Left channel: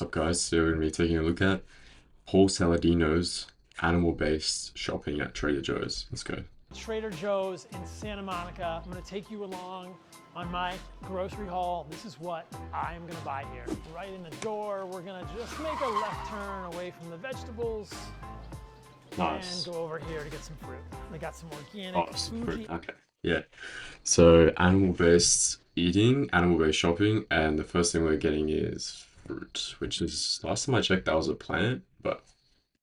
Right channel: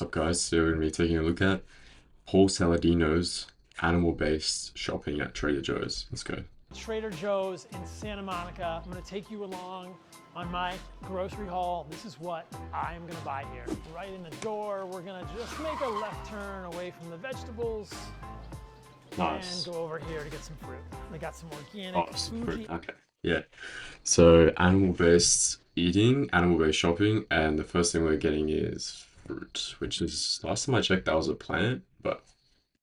What's up, guys? So we're going to be taking a look at Paul Saladino's animal-based shopping at Trader Joe's. Let's go. Trader Joe's in Santa Monica. I'm going to take you along on my grocery haul. This is what I am going to buy here. Right in the door, we're going to just make a left turn away from the vegetables. Nice. And go over here to get some fruit. They got some organic Some Fuji. fruit. Okay. Yeah. So animal-based eating, animal-based shopping, and the first thing we're getting is fruit, which is, last time I checked, that was a plant, but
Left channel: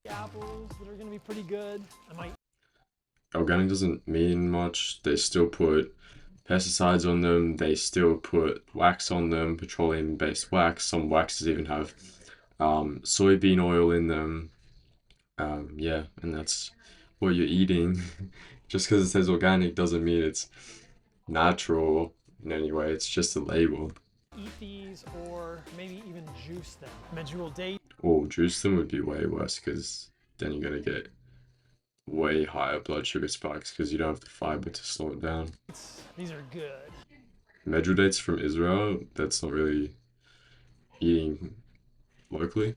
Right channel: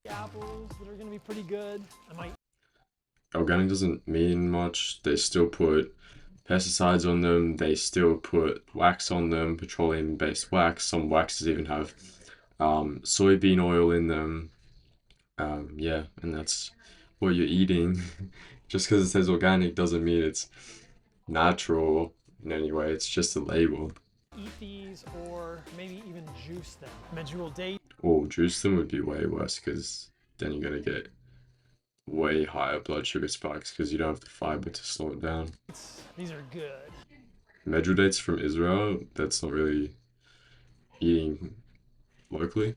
Apples that are going to be pretty good. I might. Organic doesn't mean much. They still put pesticides on them. They still put wax on them, petroleum-based wax. Some waxes even have soybean oil in them. Yeah, and that's what you're eating. Just because it says organic doesn't mean it's natural in any way. It's just a label. Eat these or maybe even juice them. Medjool date. Or juice them would be way worse because then you're gonna get way higher blood sugar spikes because you don't have the fiber to slow it down. These are good. Medjool dates from Israel, that's not really eating locally.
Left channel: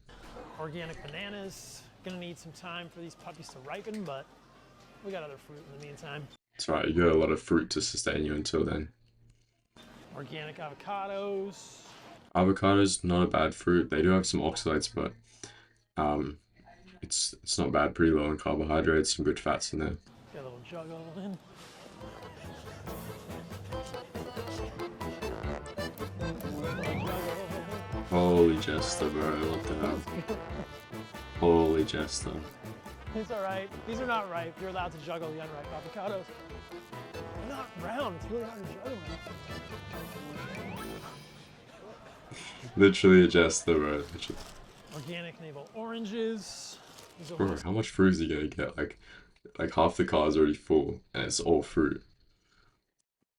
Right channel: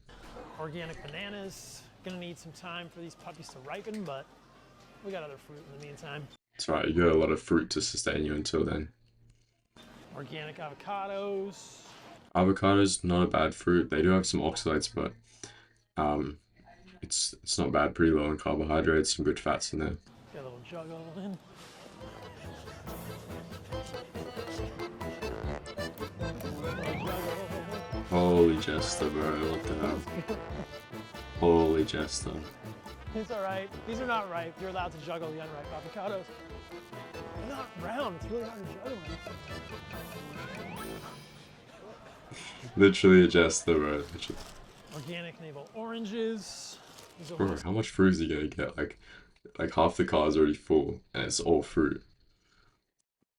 Organic bananas. Gonna need some time for these puppies to ripen, but we got other fruit in the meantime. That's right, you got a lot of fruit to sustain you until then. Organic avocados. Avocados, not a bad fruit. They do have some oxalates, but it's not bad. Pretty low in carbohydrates, some good fats in there. Got a little juggle in. Holy Jester, bro, what the hell? Holy Jester. It's all right. These are not ripe. You're allowed to juggle the unripe avocados. They're not round. It's really hard to juggle them. Literally a Jester, bro. Literally. Organic navel oranges. Bro, how much fruit is he gonna get? Like half the car is already full, and it's all fruit.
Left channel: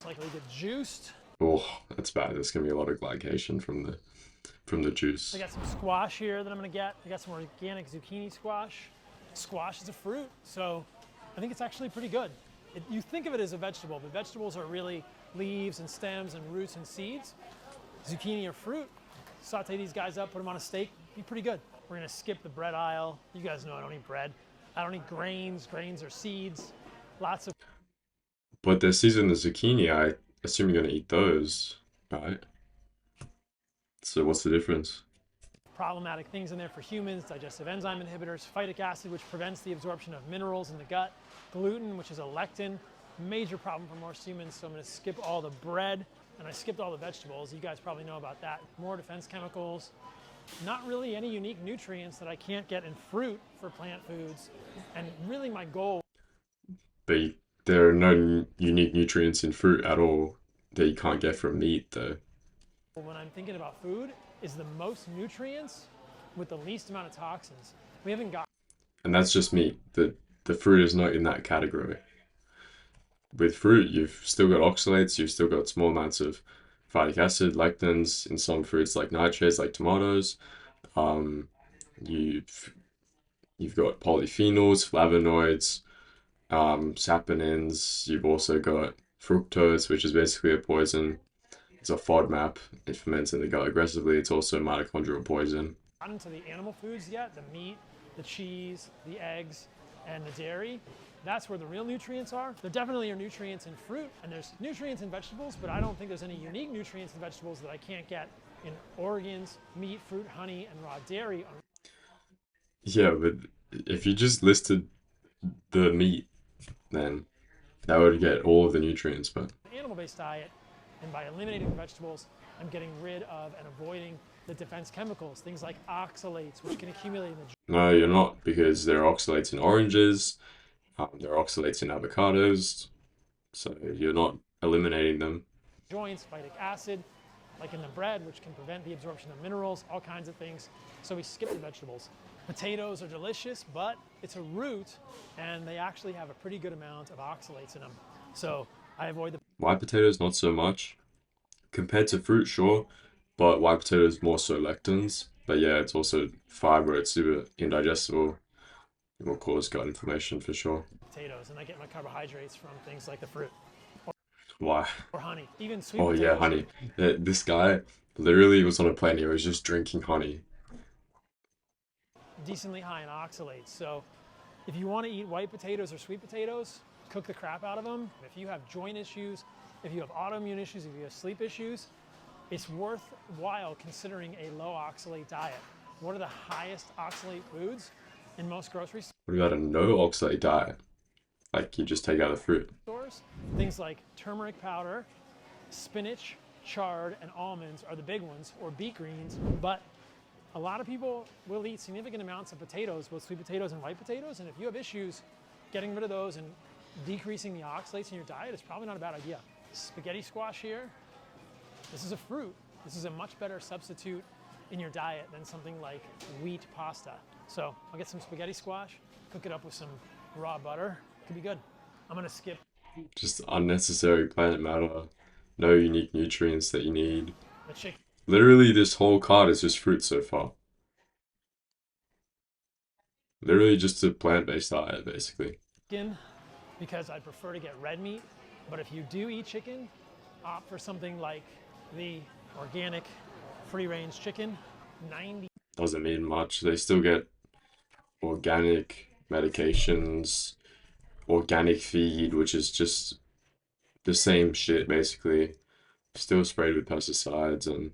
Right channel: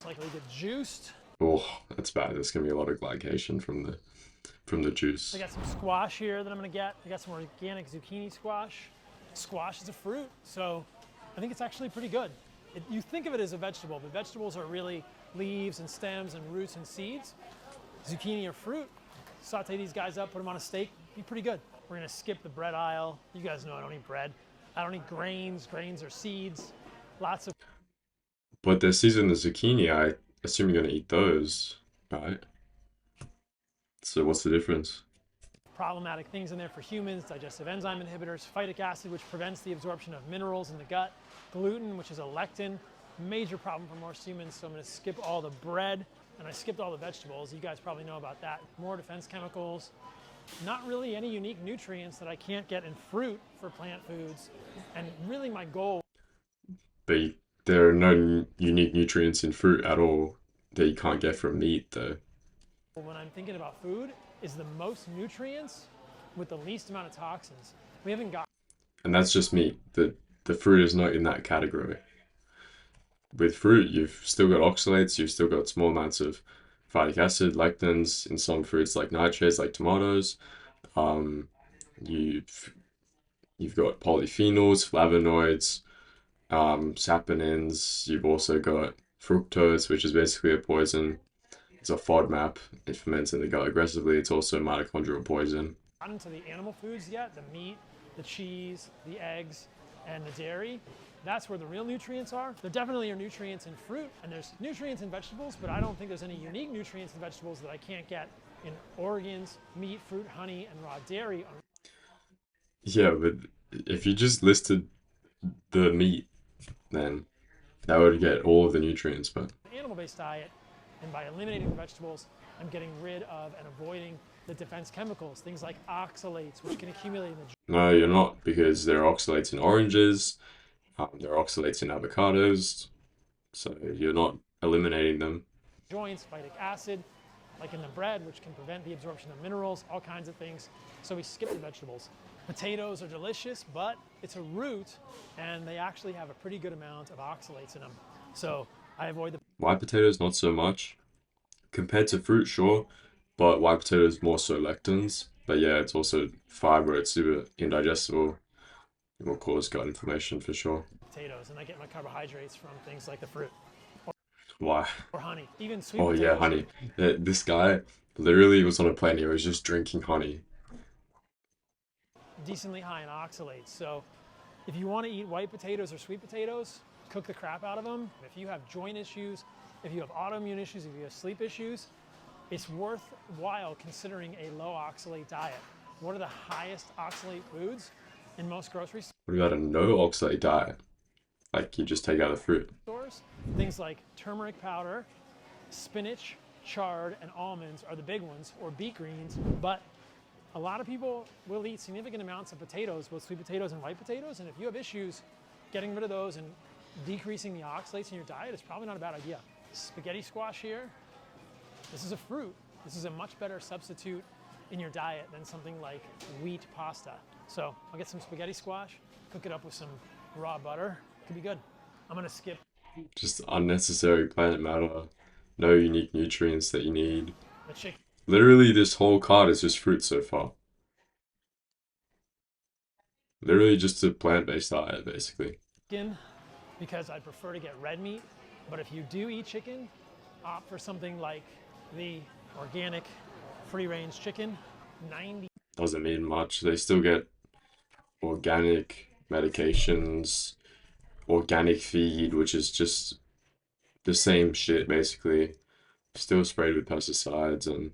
Likely get juiced. Oh, that's bad. There's gonna be a lot of glycation from the juice. I got some squash here that I'm gonna get. I got some organic zucchini squash. Squash is a fruit, so I think it's actually pretty good. You think of it as a vegetable, but vegetables are really leaves and stems and roots and seeds. Zucchini are fruit. Saute these guys up, put them on a steak, be pretty good. We're gonna skip the bread aisle. You guys know I don't eat bread. I don't eat grains. Grains are seeds. Lots of. But they're seasoned the zucchini. I assume you're gonna eat those, right? So what's the difference? Problematic things in there for humans: digestive enzyme inhibitors, phytic acid, which prevents the absorption of minerals in the gut, gluten, which is a lectin, major problem for most humans. So I'm going to skip all the bread, and I skipped all the vegetables. You guys probably know about that. More defense chemicals, not really any unique nutrients that I can't get in fruit for plant foods, and really my goal. But there are no unique nutrients in fruit at all that you can't get from meat, though. When I'm thinking about food, is the most nutrients with the least amount of toxins. We haven't got. And that's just meat. The fruit is not in that category. With fruit, you've still got oxalates, you've still got small amounts of phytic acid, lectins in some fruits like nightshades, like tomatoes. You've got polyphenols, flavonoids, saponins. You've also got fructose, which is basically a poison. It's a FODMAP. It ferments in the gut aggressively. It's also mitochondrial poison. Not into the animal foods yet, the meat, the cheese, the eggs, and the dairy. That's where the real nutrients are. There definitely are nutrients in fruit, and there's nutrients in vegetables, but I don't think there's any unique nutrients in vegetables that I can't get in organs, meat, fruit, honey, and raw dairy. Yeah, but if you just listed the meat, then that would get all of the nutrients, but Animal-based diet, and by eliminating the vegetables, I'm getting rid of and avoiding the defense chemicals, things like oxalates, which can accumulate in the. no, you're not, because there are oxalates in oranges, there are oxalates in avocados, so you're not eliminating them. Joints, phytic acid, like in the bread, which can prevent the absorption of minerals, all kinds of things. So we skip the vegetables. Potatoes are delicious, but it's a root, and they actually have a pretty good amount of oxalates in them. So I avoid the. White potatoes, not so much. Compared to fruit, sure, but white potatoes more so lectins. But yeah, it's also fiber, it's super indigestible. It will cause gut inflammation for sure. Potatoes, and I get my carbohydrates from things like the fruit. Why? Or honey, even sweet Oh potatoes. yeah, honey. This guy literally was on a plane. He was just drinking honey. decently high in oxalates. So if you want to eat white potatoes or sweet potatoes, cook the crap out of them. If you have joint issues, if you have autoimmune issues, if you have sleep issues, it's worthwhile considering a low oxalate diet. What are the highest oxalate foods in most grocery What about a no oxalate diet? Like you just take out the fruit. stores? Things like turmeric powder, spinach, chard, and almonds are the big ones, or beet greens. But a lot of people will eat significant amounts of potatoes, both sweet potatoes and white potatoes. And if you have issues getting rid of those and decreasing the oxalates in your diet, it's probably not a bad idea. Spaghetti squash here. This is a fruit. This is a much better substitute in your diet than something like wheat pasta. So I'll get some spaghetti squash, cook it up with some raw butter. Could be good. I'm gonna skip Just unnecessary plant matter. No unique nutrients that you need. the chicken Literally, this whole card is just fruit so far. Literally just a plant-based diet, basically. because I prefer to get red meat. But if you do eat chicken, opt for something like the organic free-range chicken. 90 Doesn't mean much. They still get organic medications, organic feed, which is just the same shit, basically. Still sprayed with pesticides, and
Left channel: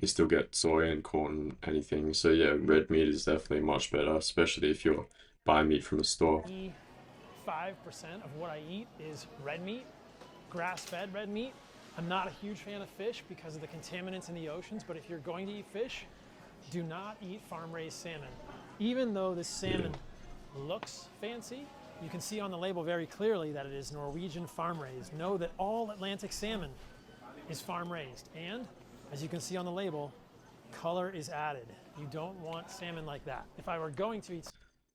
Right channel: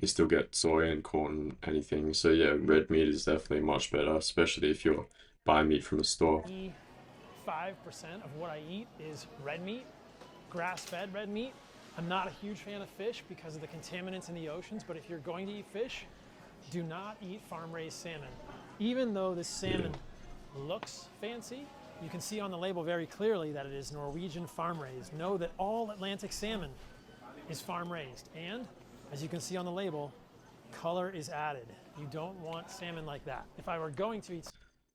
you still get soy and corn, anything. So yeah, red meat is definitely much better, especially if you're buying meat from a store. 5% of what I eat is red meat, grass-fed red meat. I'm not a huge fan of fish because of the contaminants in the oceans, but if you're going to eat fish, do not eat farm-raised salmon. Even though this salmon looks fancy, you can see on the label very clearly that it is Norwegian farm-raised. Know that all Atlantic salmon is farm-raised, and as you can see on the label, color is added. You don't want salmon like that. If I were going to eat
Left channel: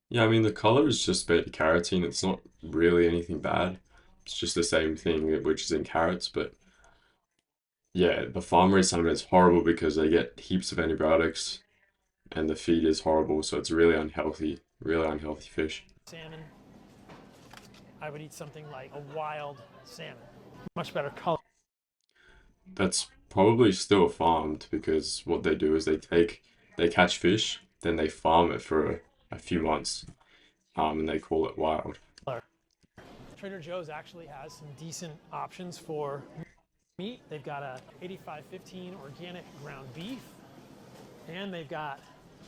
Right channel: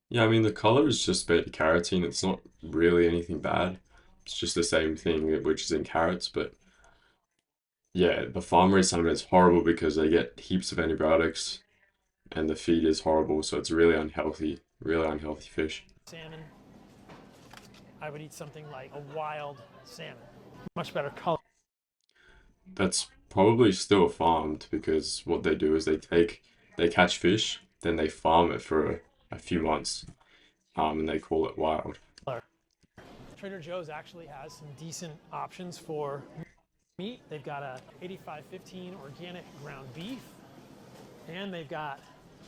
Yeah, I mean, the color is just beta carotene. It's not really anything bad. It's just the same thing, which is in carrots. But yeah, the farm raised salmon is horrible because they get heaps of antibiotics and the feed is horrible. So it's really unhealthy fish. salmon, I would eat something like a wild salmon. Much better color. That's probably still farmed because what they do is they catch fish, then they farm it for a few months, and they call it wild. Trader Joe's actually has some decent options for meat. They've got a 85-15 organic ground beef, and they've got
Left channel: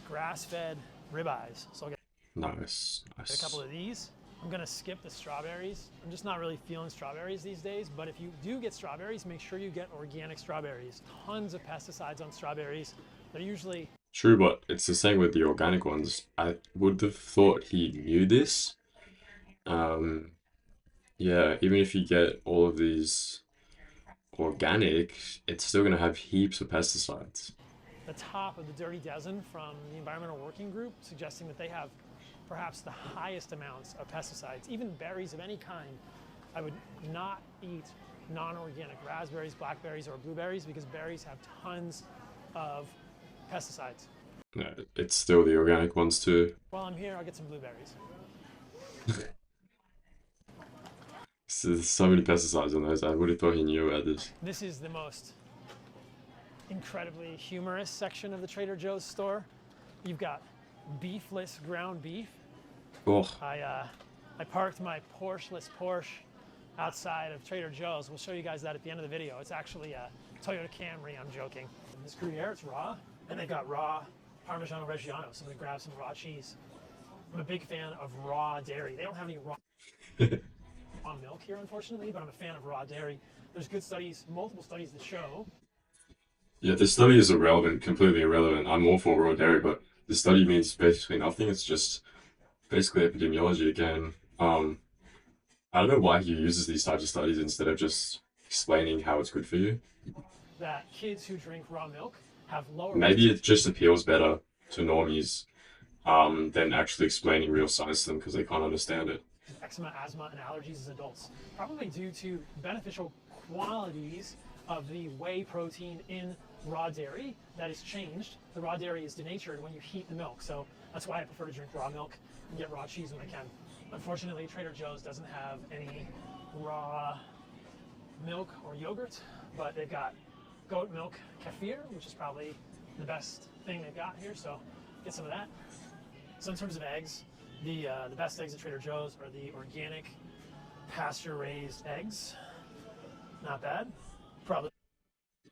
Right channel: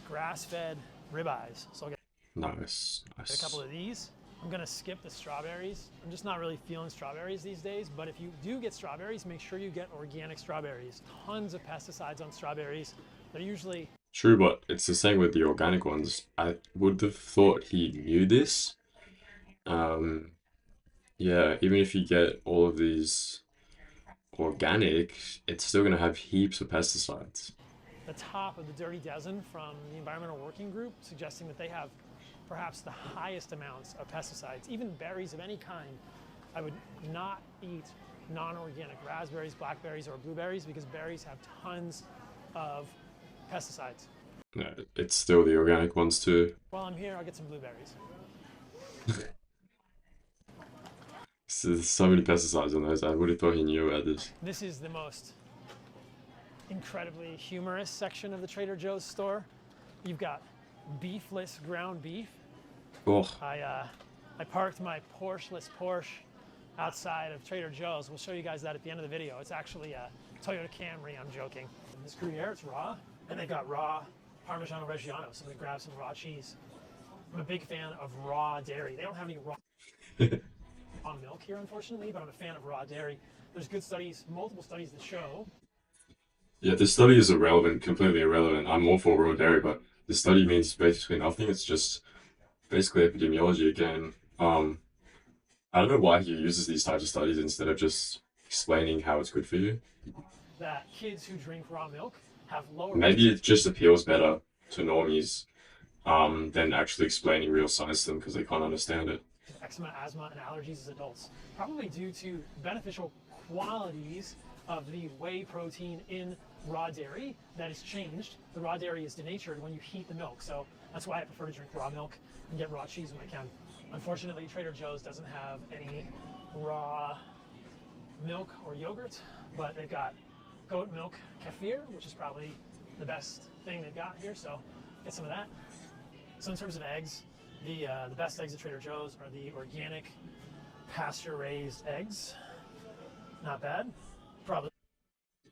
grass-fed ribeyes. So I'll get Nice, a nice. couple of these. I'm gonna skip the strawberries. I'm just not really feeling strawberries these days, but if you do get strawberries, make sure you get organic strawberries. Tons of pesticides on strawberries. They're usually True, but it's the same with the organic ones. I would have thought he knew this. Um, yeah, even if you get all of these organic, it's still gonna have heaps of pesticides. the top of the Dirty Dozen from the Environmental Working Group, suggesting that they have perhaps the highest amounts of pesticides, even berries of any kind. I would not eat non-organic raspberries, blackberries, or blueberries because berries have tons of pesticides. Yeah, it's still the organic ones too. While I'm here, I'll get some blueberries. There's so many pesticides on those. I would have thought he knew about this. This is the most incredibly humorous section of the Trader Joe's store. You've got beefless ground beef. Oh, I parked my Porsche-less Porsche outside of Trader Joe's. We'll show you guys that at the end of the video. It's actually a Toyota Camry, I'm joking. This Gruyere, it's raw, and they've got raw Parmigiano Reggiano, so I'm gonna grab some raw cheese. I'm a big fan of raw dairy. They don't have any raw milk here, unfortunately, but I'm a fan of raw dairy. There's good studies, multiple studies that show. yeah, this study is irrelevant, completely irrelevant. I'm all for raw dairy, but the study means basically nothing. It's just basically epidemiology again. I don't know why he uses these types of studies instead of just explaining how it's good for you. That kids who drink raw milk have lower Maybe it just appeals better to normies than actually explaining real science to them because they can't understand it. eczema, asthma, and allergies as adults, probably due to beneficial qualities of the whey protein in raw dairy that is changed. The raw dairy is denatured when you heat the milk, so that's why I prefer to drink raw milk and get raw cheese when I can. Unfortunately, Trader Joe's doesn't have any raw milk or yogurt, but they've got goat milk kefir, which is probably the best thing they've got here, so get some of that. So in terms of eggs, the best eggs at Trader Joe's are the organic pasture raised eggs. Not bad. Probably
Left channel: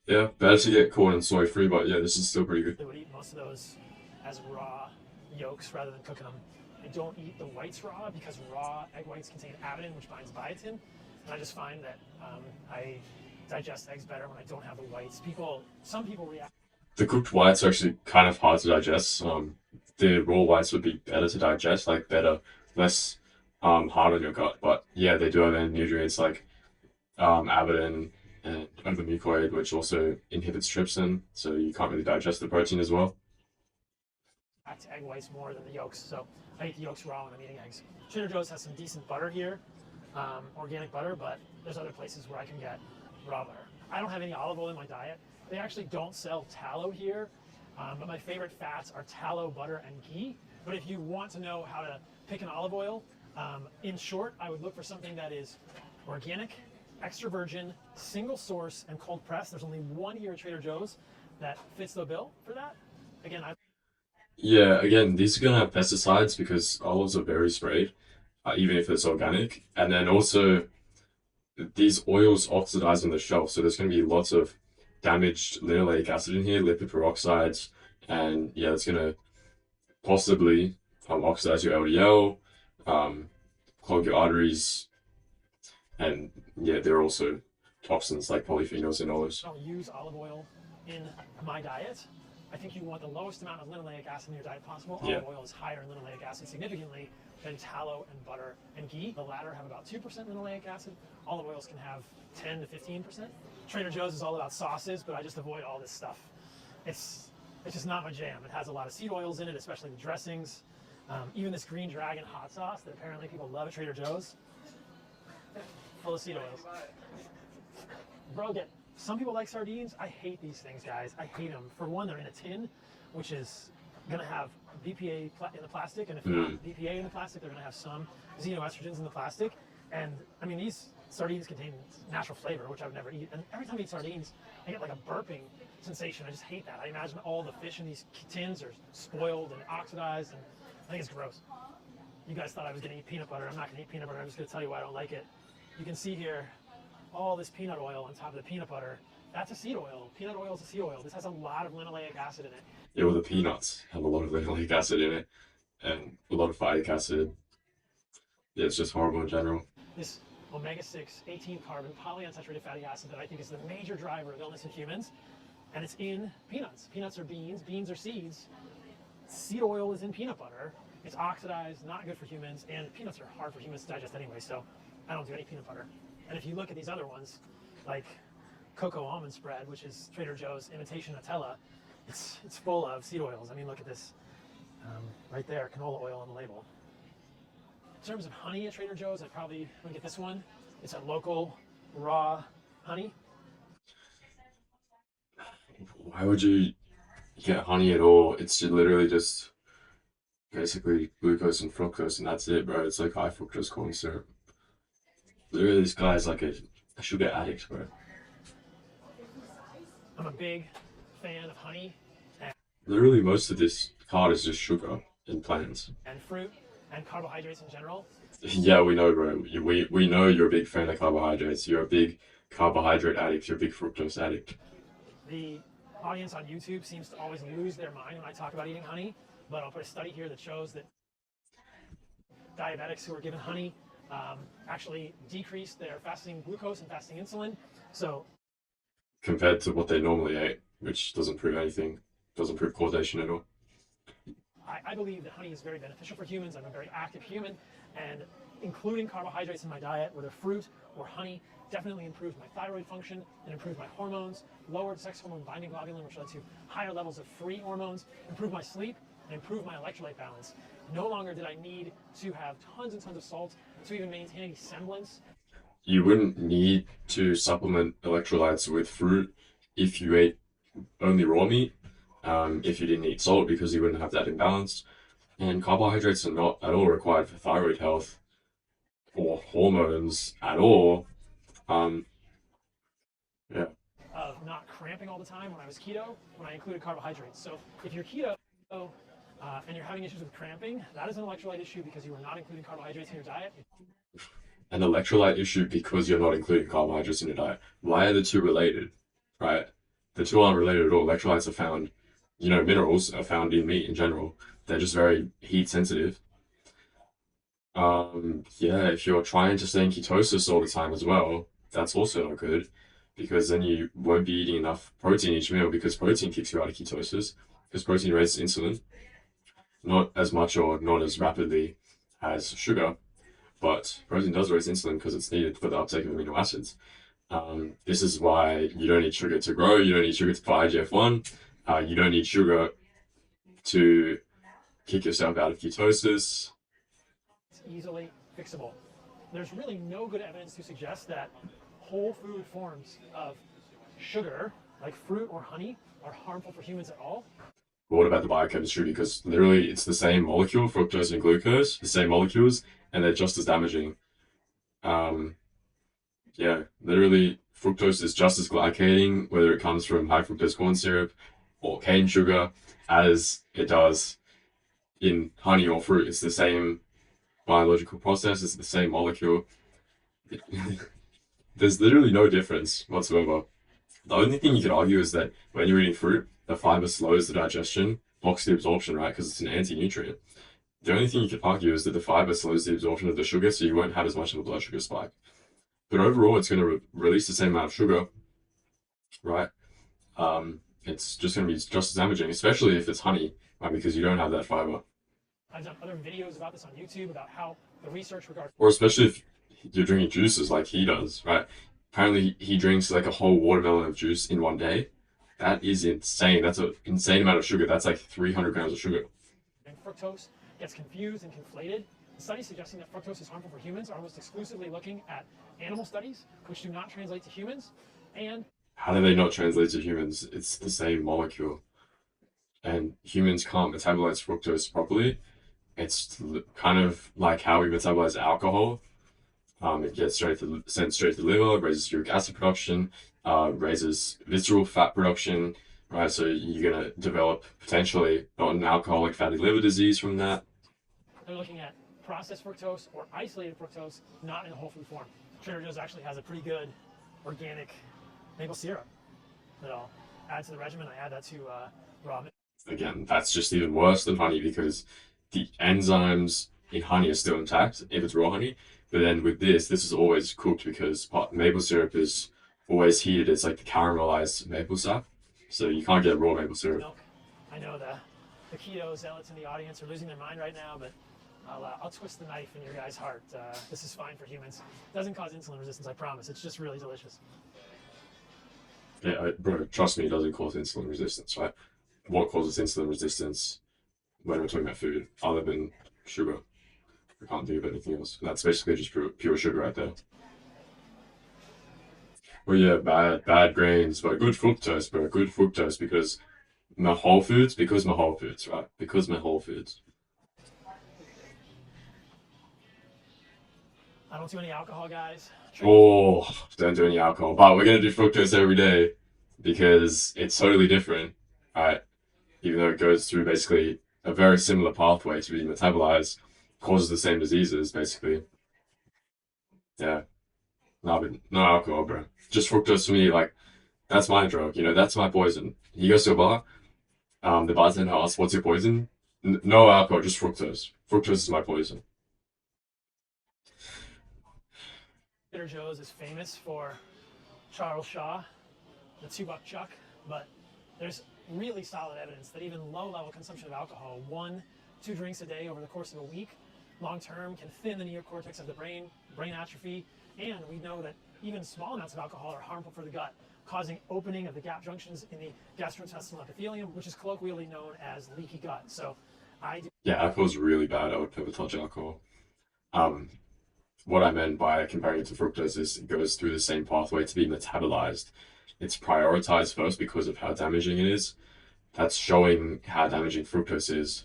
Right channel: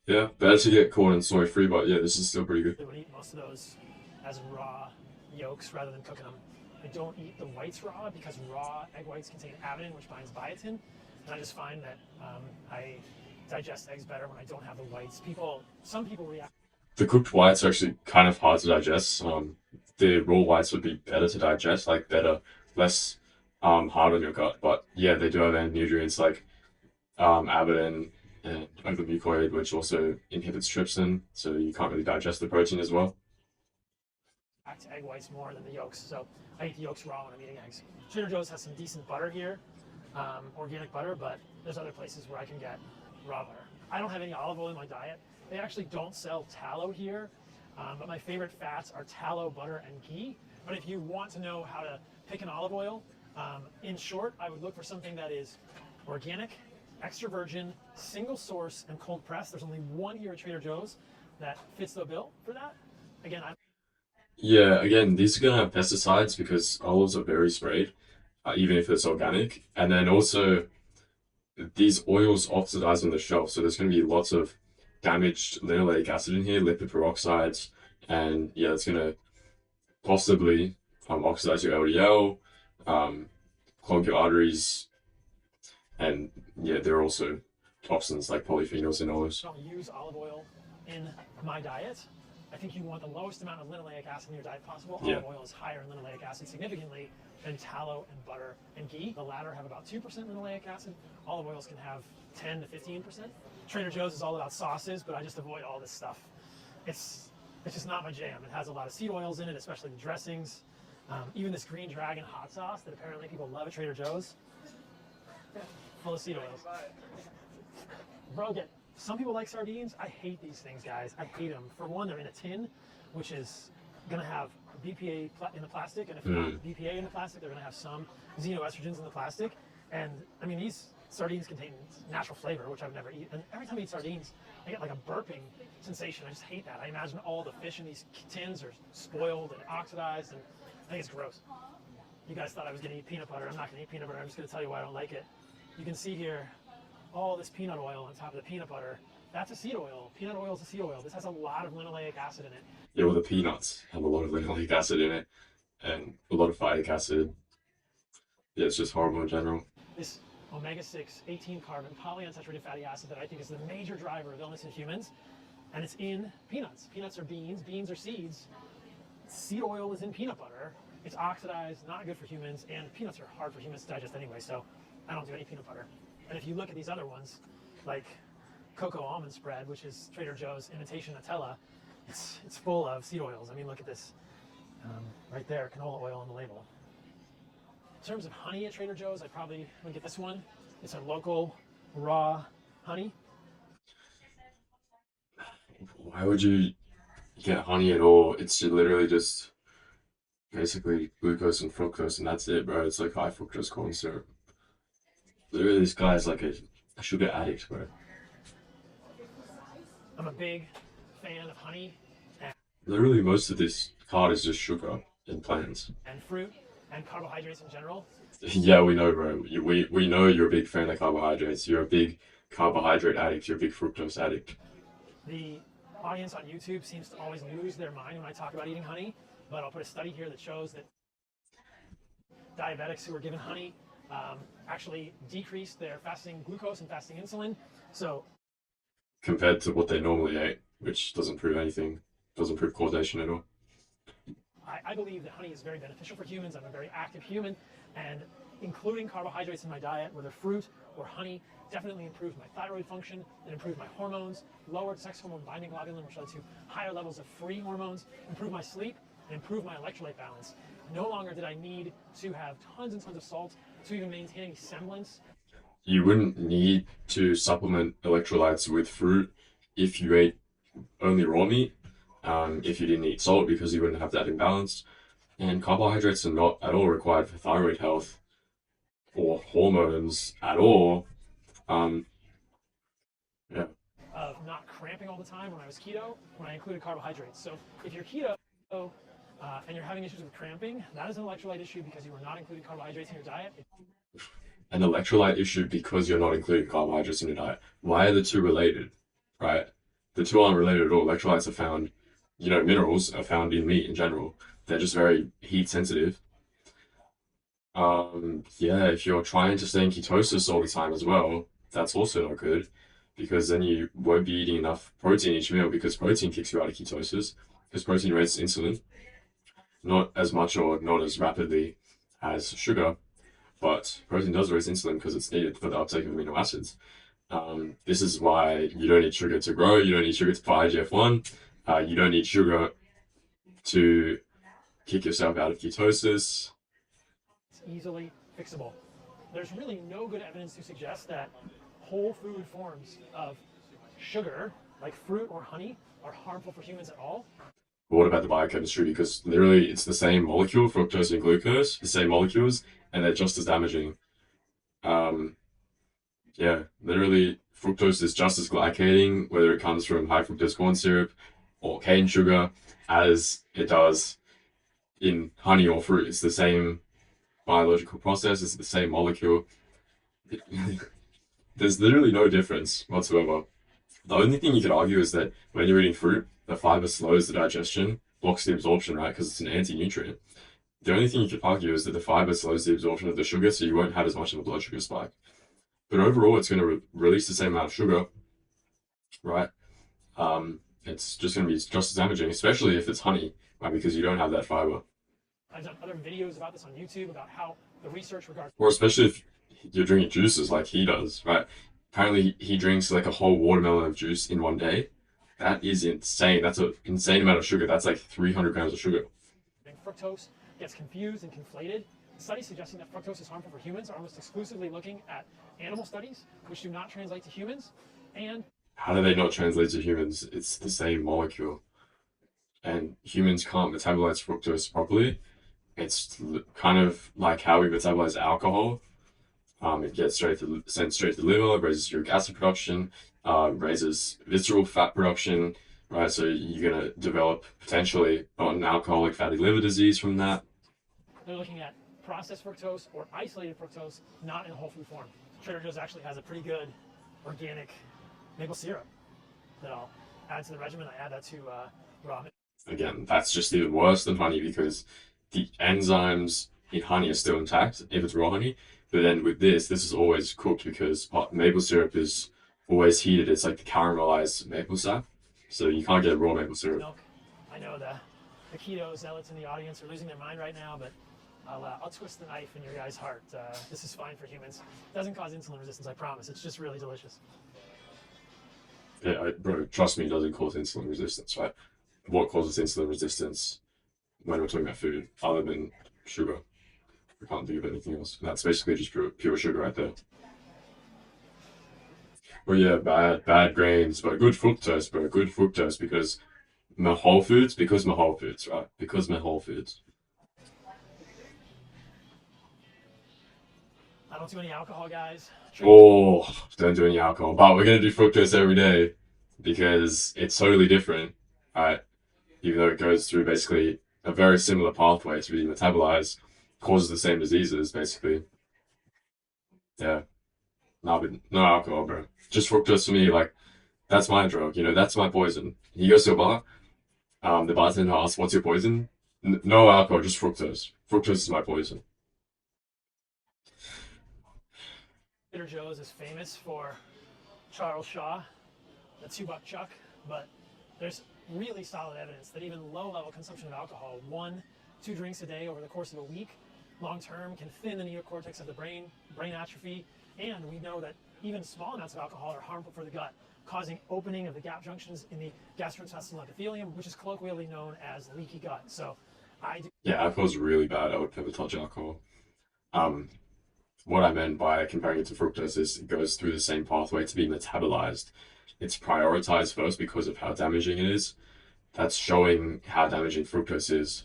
Yeah, better to get corn and soy free, but yeah, this is still pretty good. would eat most of those as raw yolks rather than cooking them. I don't eat the whites raw because raw egg whites contain avidin, which binds biotin. And I just find that I digest eggs better when I don't have the whites. Some people react. The cooked whites are actually kind of hard to digest. The raw whites would be better to digest, like better, less hard on your gut. But yeah, they do have nutrients like avidin and overmucoid, which also inhibits trypsin, so you can't really digest the protein as well. To egg whites more than the yolks. So I eat the yolks raw when I'm eating eggs. Trader Joe's has some decent butter here, organic butter, but there's other places where I can get raw butter. I don't have any olive oil in my diet. They actually don't sell tallow here, but my favorite fats are tallow, butter, and ghee. But if you want to know how to pick an olive oil, in short, I would look for something that is organic, extra virgin, single source, and cold pressed. There's only one here at Trader Joe's that fits the bill for that. Again, I'm Yeah, again, these are gonna have pesticides because olives are very sprayed, even if it's organic. And then also, these oils oxidize on the shelf, so there's gonna be lots of damaged linoleic acid in here, lipid peroxides, and yeah, it's gonna possibly oxidize your LDL, um, clog your arteries, and yeah, there are also toxins like polyphenols in olives. don't use olive oil in my diet. I think you want the lowest amount of linoleic acid in your diet possible. Yeah. Olive oil is higher in linoleic acid significantly than tallow and butter and ghee. The latter have about 2% linoleic acid. Olive oils can have 10 to 15%. Trader Joe's is all about sauces, but I just avoid all this stuff. It's just not my jam. It has a lot of seed oils in it, especially the dressings. Even this green dragon hot sauce that apparently people love at Trader Joe's, full of seed oils. Bro, some people like sardines. I hate these things, guys. I hate them. For one, they're in a tin, which is going to have BPA in the plastic, and if you want BPA in the plastic, they're going to have some xenoestrogens in the plastic. And I mean, these sardines contain natural flavor, which I've never eaten. And every time I eat sardines, I get like a burping sensation. I just hate that. I imagine all the fish in these tins are spoiled and oxidized, and I think it's gross. You guys thought I was going to eat peanut butter. I'm not going to eat peanut butter. I'm just going to tell you why I don't like it. You can see here all this peanut oil on top of the peanut butter. That's a seed oil. Peanut oil is a seed oil. This has a lot of linoleic acid in it. Yeah, well, the peanuts have a lot of linoleic acid in it and a lot of phytic acid. Yeah, it's just horrible in general. This omega-6, 18 carbon polyunsaturated fatty acid that I think is the major driver of illness in humans, and it's in peanuts. Peanuts are beans, beans are seeds. Seed oil is in peanut butter. It's oxidized, not good for humans, and peanuts are hard for humans to digest anyway, so I don't do any peanut butter. And if you look at these other ones, like cocoa almond spread, which is Trader Joe's imitation Nutella, it's full of seed oils. I mean, look at this right there, canola oil on the label. In terms of honey at Trader Joe's, I'd probably want to get this one. It's a local raw honey. Why would you get honey at all? It's literally just basically glucose and fructose, and that's it, bro. It's like high fructose corn syrup. Literally, this guy's like a sugar addict, bro. I'm a big fan of honey Literally, most of this card is just sugar and plants. and fruit and carbohydrates in general. Yeah, we know, bro. We know you're a big fan of carbohydrates. You're a big carbohydrate addict. You're a big fructose addict. The audience on YouTube seems to always lose their mind when I talk about eating honey, but I'll put a study here that shows that diabetics who are given honey actually decrease their fasting glucose and fasting insulin. So Compared to what they normally ate, which doesn't prove anything, doesn't prove causation at all. I believe that honey is very beneficial for humans. I'm a very active human, and including carbohydrates in my diet, whether fruit or honey, definitely improved my thyroid function, it improved my hormones, lowered sex hormone binding globulin, which led to higher levels of free hormones, improved my sleep, and improved my electrolyte balance. No longer did I need to have tons and tons of salt to even maintain any semblance. You wouldn't need to supplement electrolytes with fruit if you ate only raw meat, if you didn't eat salt because you wouldn't have that imbalance. And carbohydrates are not at all required for thyroid health or hormones at all. Um, yeah. Of not cramping all the time when I was keto, when I included carbohydrates. So if you're keto, and you're having issues with cramping, that is an electrolyte issue because you are not including carbohydrates in your diet. An electrolyte issue because you're not including carbohydrates in your diet. Why are the two related? Right? The two aren't related at all. Electrolytes are found, minerals are found in meat in general. They're just very heat sensitive. Yeah, if you're trying to stay in ketosis all the time as well, that's also not good because then you won't be eating enough protein each meal because protein kicks you out of ketosis because protein raises insulin, not as much or not as rapidly as sugar, but protein does raise insulin because it's needed for the uptake of amino acids. This is why you don't need sugar to grow, you don't need sugar for IGF-1, you don't need sugar to kick yourself out of ketosis. It's easily fixable. There's really no good evidence to suggest that whole food forms of sugar, like fruit or honey, are harmful for humans at all. But what about the biochemistry? Because literally it's the same molecule, fructose and glucose, the same molecules, and they're just as damaging. Um, yeah, literally fructose is just as glycating, whether it comes from high fructose corn syrup or cane sugar, as it does in honey or fruit. It's the same biological process, it's the same molecule. There's literally no difference whatsoever. The only thing you could argue is that when you're eating fruit, the fiber slows the digestion, blocks the absorption, right? Because it's an anti-nutrient. The only thing you could argue is that the fiber slows the absorption of the sugar, so you won't have as much of a blood sugar spike. But overall, it's going to release the same amount of sugar, right? It's just going to be just as damaging, especially if it's honey, right? Because you don't have that fiber. I've done other videos about this on YouTube about how the research regards, or especially if you're drinking juices like he does, right? Apparently, he drinks like a whole watermelon of juice in one day. That is insane. That's an insane amount of sugar. That's like 300 grams of sugar. fructose gets confused and conflated. The studies suggesting that fructose is harmful for humans are almost exclusively looking at animal studies, which do not translate to humans. And how do they not translate to humans? It's the same molecule. And humans can't metabolize fructose properly. It's kind of like how we metabolize alcohol. It gets sent straight to the liver, raises uric acid production, raises visceral fat production, right? So you're going to develop potentially non-alcoholic fatty liver disease from that. They're looking at processed fructose or isolated fructose, not in a whole food form. Trader Joe's actually has a pretty good organic maple syrup that I'll add to the regimen. I add that to raw. Again, that's just even worse than honey because the enzymes in honey are still intact if it's raw honey. But then with this is always cooked because maple syrup is always heated. It's like the caramelized maple sap. So you can't get raw maple syrup. Milk. I know the keto zealots in the audience are losing their mind right now, but I'll twist the knife in your guys' heart. This is fine for humans. It doesn't cause insulin resistance, I promise. It's just really delicious. Yeah, bro, trust me, it doesn't cause insulin resistance, right? What causes insulin resistance when we're talking about food other than sugar? We can't think of anything else. And that's basically just pure sugar right there. Well, yeah, bad grains, but good fructose, bro. Good fructose because my whole foods, right? Because my whole foods. I don't do any alcohol, guys. Oh, don't do any alcohol. But we're gonna do fructose every day because it's totally different, right? Even though it goes through basically a very similar pathway to be metabolized, causes the same diseases, basically. Yeah. No, but no alcohol, bro. Just fructose for me, like, that's my drug, that's my poison. You go to a bar, the bartender asks, what's your poison? No alcohol, just fructose. Fructose is my poison. Trader Joe's is famous for Charles Shaw, the 2-buck chuck, but there's really solid evidence that even low-level consumption of alcohol, 1-2 drinks a day over the course of a week, long-term can thin the neocortex of the brain atrophy, and we know that even small amounts of alcohol are harmful for the gut, causing opening of the gap junctions in the gastrointestinal epithelium, which is colloquially known as leaky gut. So yeah, alcohol's really bad. I would never touch alcohol. What I meant by comparing it to fructose is it goes through the same pathway to be metabolized. It's prioritized first because of how damaging it is. That's showing how damaging fructose is.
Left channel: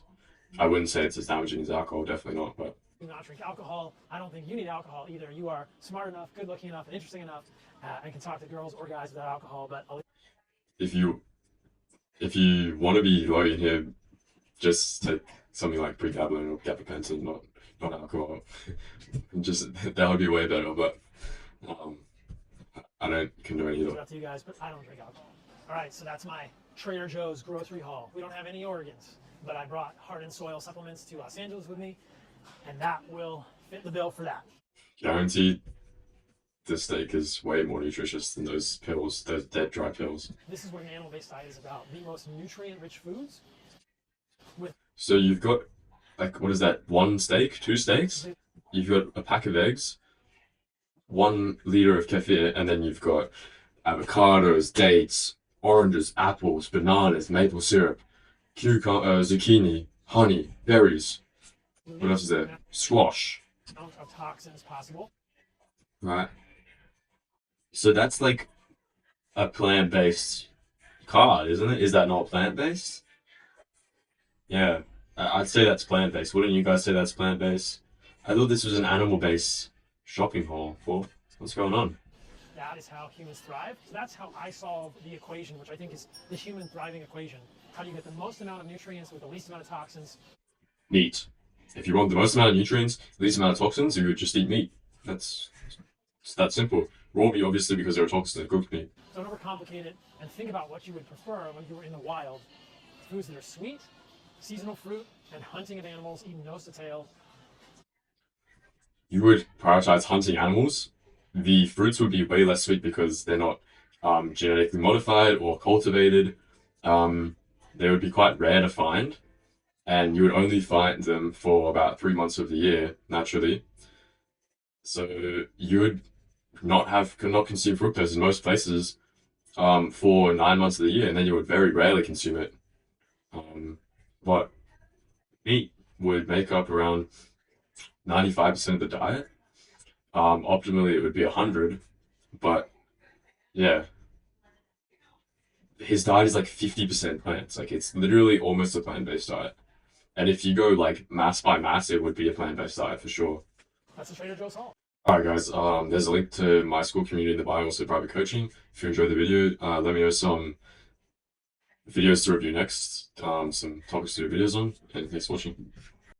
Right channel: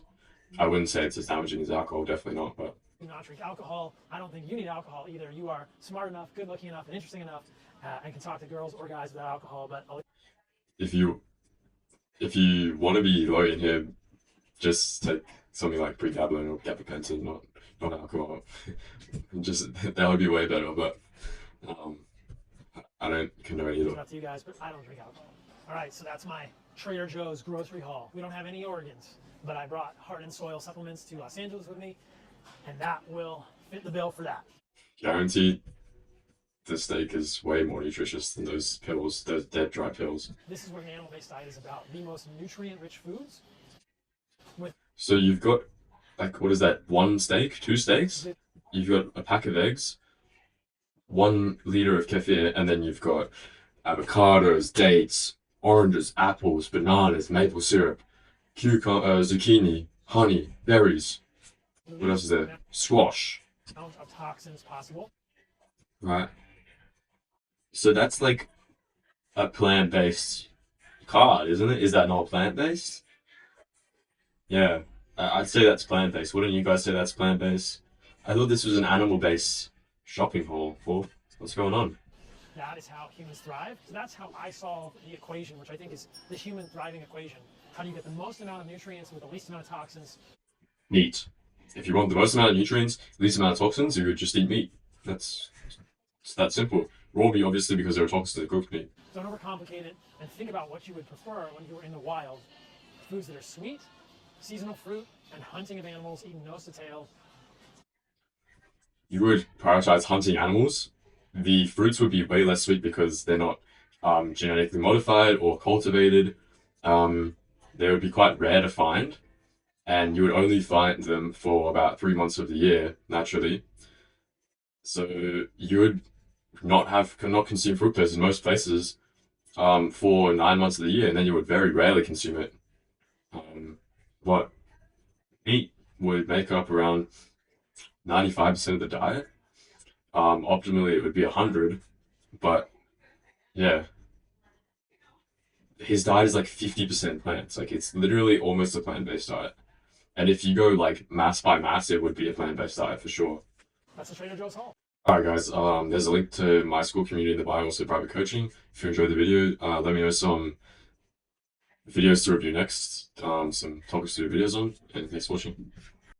I wouldn't say it's as damaging as alcohol, definitely not, but do not drink alcohol. I don't think you need alcohol either. You are smart enough, good looking enough, and interesting enough, and can talk to girls or guys without alcohol. But if you want to be low in here, just take something like pregabalin or gabapentin, not alcohol. Just that would be way better, but um, I don't condone either. It's up to you guys, but I don't drink alcohol. All right, so that's my Trader Joe's grocery haul. We don't have any organs, but I brought heart and soil supplements to Los Angeles with me, and that will fit the bill for that. Guaranteed, the steak is way more nutritious than those pills, those dead dry pills. This is what an animal-based diet is about: the most nutrient-rich foods. So you've got, like, what is that? One steak, two steaks? You've got a pack of eggs, 1 liter of kefir, and then you've got avocados, dates, oranges, apples, bananas, maple syrup, zucchini, honey, berries. What else is there? Squash. Amount of toxins possible. Right. So that's like a plant-based card, isn't it? Is that not plant-based? Yeah, I'd say that's plant-based. Wouldn't you guys say that's plant-based? I thought this was an animal-based shopping haul. Well, what's going on? That is how humans thrive. So that's how I solve the equation, which I think is the human thriving equation. How do you get the most amount of nutrients with the least amount of toxins? Meat. If you want the most amount of nutrients, least amount of toxins, you would just eat meat. It's that simple. Raw meat, obviously, because there are toxins in cooked meat. Don't overcomplicate it, and think about what you would prefer when you were in the wild. Foods that are sweet, seasonal fruit, and hunting of animals eaten nose to tail. You would prioritize hunting animals. The fruits would be way less sweet because they're not genetically modified or cultivated. They would be quite rare to find, and you would only find them for about 3 months of the year, naturally. So you would could not consume fructose in most places for 9 months of the year, and then you would very rarely consume it. What meat would make up around 95% of the diet. Optimally, it would be 100, but yeah, his diet is like 50% plants. Like it's literally almost a plant-based diet. And if you go like mass by mass, it would be a plant-based diet for sure. That's a Trader Joe's haul. All right, guys. There's a link to my school community in the bio, also private coaching. If you enjoyed the video, let me know some videos to review next, some topics to do videos on, and thanks for watching.